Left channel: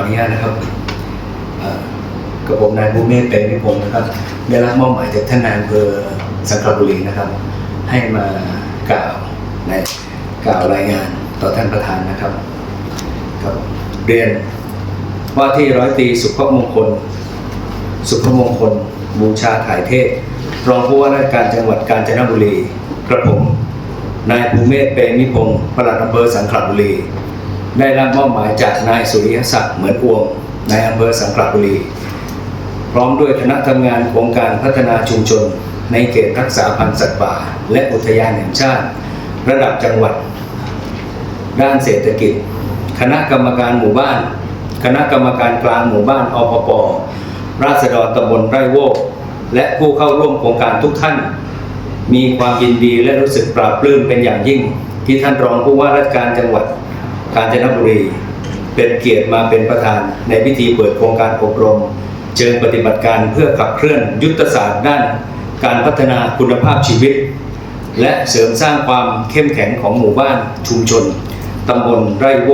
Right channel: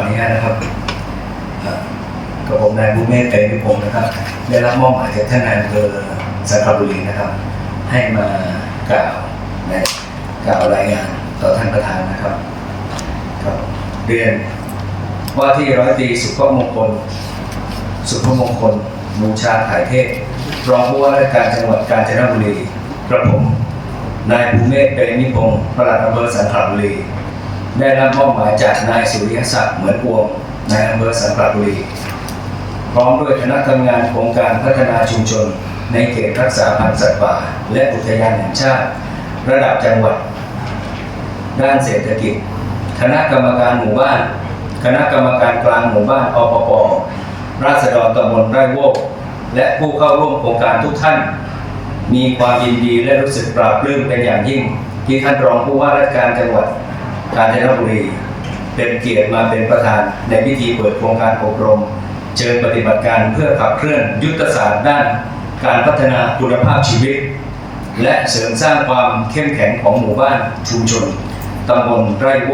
ออนุญาตนะครับกับผมนายบุเมศเตมิพงศ์นะครับ ได้รับมอบหมายจากท่านนายอำเภอสังขบุรีนะครับ ให้มากล่าวในกล่าวรายงานต่อท่านประธานนะครับครับเรียนว่าที่ร้อยตีสุภมงคล สุภมงคล บูชาถ่ายเทพรองผู้ว่าราชการจังหวัดกาญจนบุรีกระผมนายภูเมศเปรมิพงศ์ปลัดอำเภอสังขบุรี ได้รับมอบหมายจากนายสุริยศักดิ์เหมือนอวงนายอำเภอสังขละบุรี พร้อมด้วยคณะทำงานโครงการพัฒนาชุมชน ในเขตรักษาพันธุ์สัตว์ป่า และอุทยานแห่งชาติ ระดับจังหวัด ด้านเศรษฐกิจ คณะกรรมการหมู่บ้าน คณะกรรมการกลางหมู่บ้านอปปราษฎรตำบลไร่โวก และผู้เข้าร่วมโครงการทุกท่าน มีความยินดีและรู้สึกปลาบปลื้มเป็นอย่างยิ่ง ที่ท่านรองผู้ว่าราชการจังหวัด กาญจนบุรี เป็นเกียรติมาเป็นประธานในพิธีเปิดโครงการอบรม เชิงปฏิบัติการเพื่อขับเคลื่อนยุทธศาสตร์ด้านการพัฒนาคุณภาพชีวิต และเสริมสร้างความเข้มแข็งของหมู่บ้านชุมชนตำบลไร่โว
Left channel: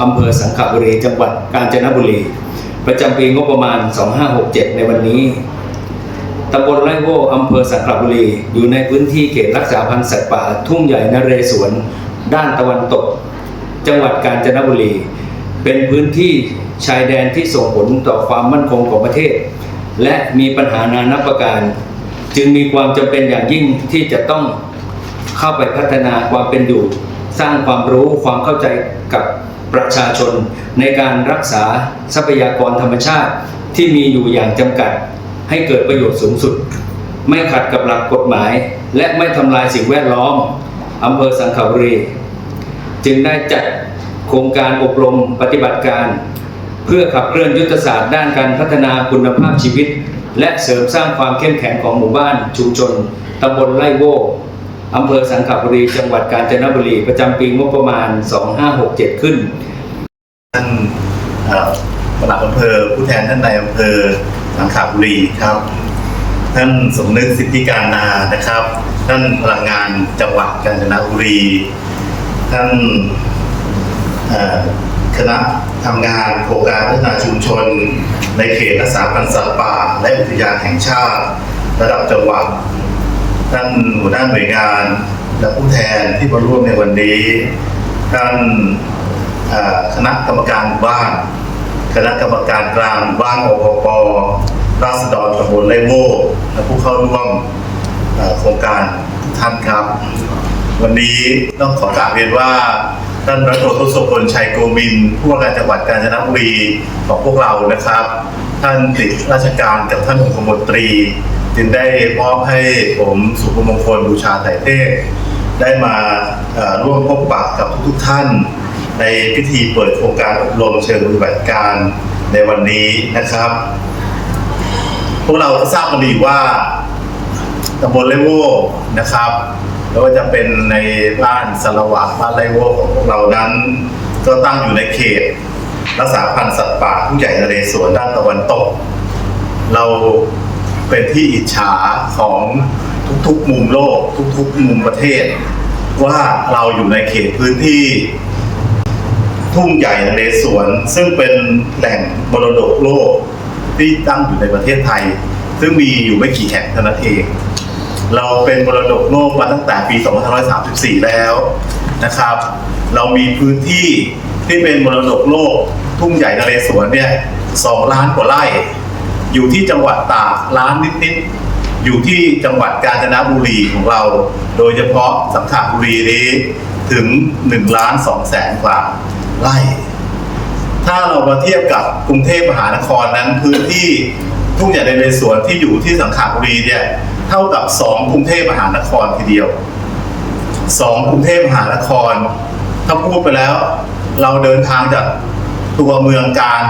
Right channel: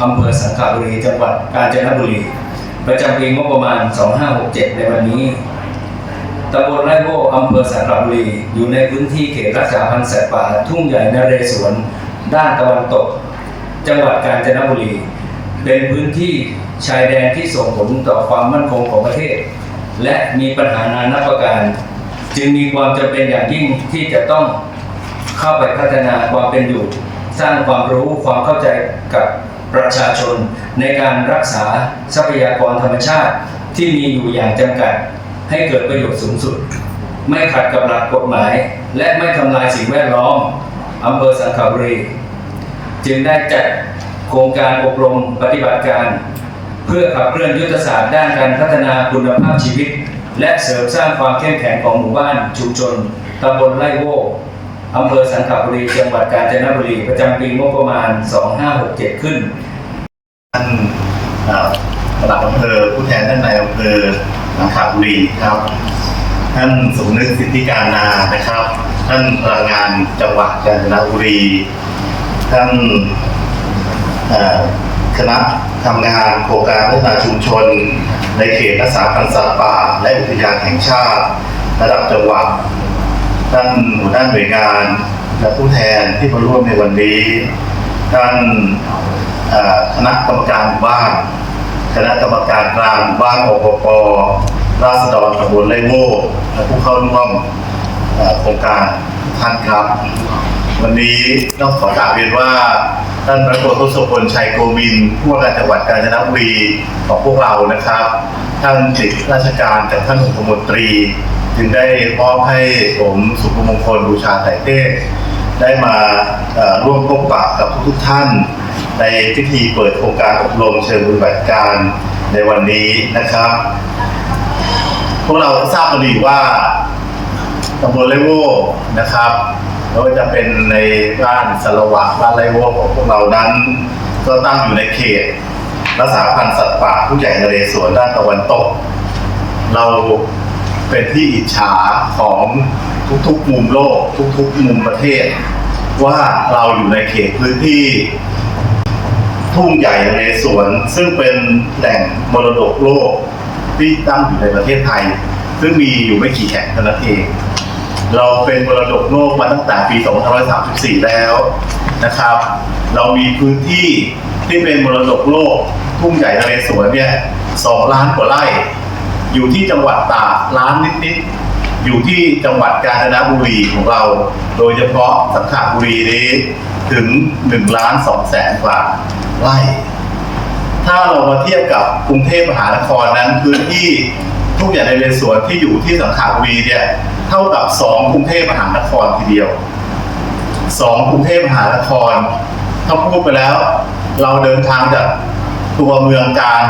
อำเภอสังขบุรี จังหวัดกาญจนบุรี ประจำปีงบประมาณ 2567 ในวันนี้ตำบลไร่โวอำเภอสังขละบุรี อยู่ในพื้นที่เขตรักษาพันธุ์สัตว์ป่า ทุ่งใหญ่นเรศวร ด้านตะวันตก จังหวัดกาญจนบุรี เป็นพื้นที่ชายแดนที่ส่งผลต่อความมั่นคงของประเทศ และมีปัญหานานาประการ จึงมีความจำเป็นอย่างยิ่งที่จะต้องเข้าไปพัฒนาความเป็นอยู่ สร้างความรู้ความเข้าใจกับประชาชนในการรักษาทรัพยากรธรรมชาติที่มีอยู่อย่างจำกัด ให้เกิดประโยชน์สูงสุด ไม่ขัดกับหลักกฎหมาย และไม่ทำลายสิ่งแวดล้อมอำเภอสังขบุรี จึงได้จัดโครงการอบรมปฏิบัติการ เพื่อขับเคลื่อนยุทธศาสตร์ด้านการพัฒนาคุณภาพชีวิต และเสริมสร้างความเข้มแข็งของหมู่บ้านชุมชนตำบลไร่โวอำเภอสังขบุรีจังหวัดกาญจนบุรีประจำปีงบประมาณ 2567 ขึ้นท่านเอ่อปลัดอำเภอผู้แทนท่านนายอำเภอสังขบุรีครับ ท่านสมนึกสิทธิการนานะครับ ท่านพลังงานจังหวัดกาญจนบุรี ท่านคณะทำงานโครงการพัฒนาชุมชน ในเขตรักษาพันธุ์สัตว์ป่า และอุทยานแห่งชาติ ระดับจังหวัดท่านหัวหน้าหน่วยงานและผู้แทนที่มาร่วมในวันนี้ท่านคณะกรรมการบ้าน คณะกรรมการกลางบ้านอปปราษฎรตำบลไร่โวและผู้เข้าร่วมโครงการท่านครับ วันนี้ต้องขอกราบเรียนว่าท่านรัฐมนตรีทศพลชัยโกมินผู้ว่าการจังหวัดกาญจนบุรีของพวกเรานะครับ ท่านติดราชการจากท่านองคมนตรี จึงได้มอบให้ผมสุภมงคลบูชาไตรเทพได้มาร่วมพบปะกับทุกท่าน ในพิธีเปิดโครงการอบรมเชิงปฏิบัติการในวันนี้นะครับ พวกเราทราบกันดีว่าตำบลไร่โวนะครับ ไม่ว่าจะเป็นในบ้านสละวะบ้านไร่โวของพวกเรานั้น ก็ตั้งอยู่ในเขต รักษาพันธุ์สัตว์ป่าผู้ใหญ่นเรศวรด้านตะวันตก เราเป็นที่อิจฉาของทุกๆมุมโลก ทุกๆมุมประเทศ ว่าเราอยู่ในเขตพื้นที่ ทุ่งใหญ่นเรศวรซึ่งเป็นแหล่งมรดกโลกที่ตั้งอยู่ในประเทศไทย ซึ่งมีอยู่ไม่กี่แห่งเท่านั้นเอง เราเป็นมรดกโลกมาตั้งแต่ปี 2534 แล้วนะครับ เรามีพื้นที่ที่เป็นมรดกโลกทุ่งใหญ่นเรศวรเนี่ยสองล้านกว่าไร่ อยู่ที่จังหวัดตากล้านนิดๆ อยู่ที่จังหวัดกาญจนบุรีของเรา โดยเฉพาะสังขบุรีนี้ถึง1ล้าน2แสนกว่าไร่ ถ้าเรามาเทียบกับกรุงเทพมหานครนั้นพื้นที่ทุ่งใหญ่ในเรศวรที่อยู่ที่สังขบุรีเนี่ย เท่ากับสองกรุงเทพมหานครทีเดียวสองกรุงเทพมหานครถ้าพูดไปแล้ว เราเดินทางจากตัวเมืองการ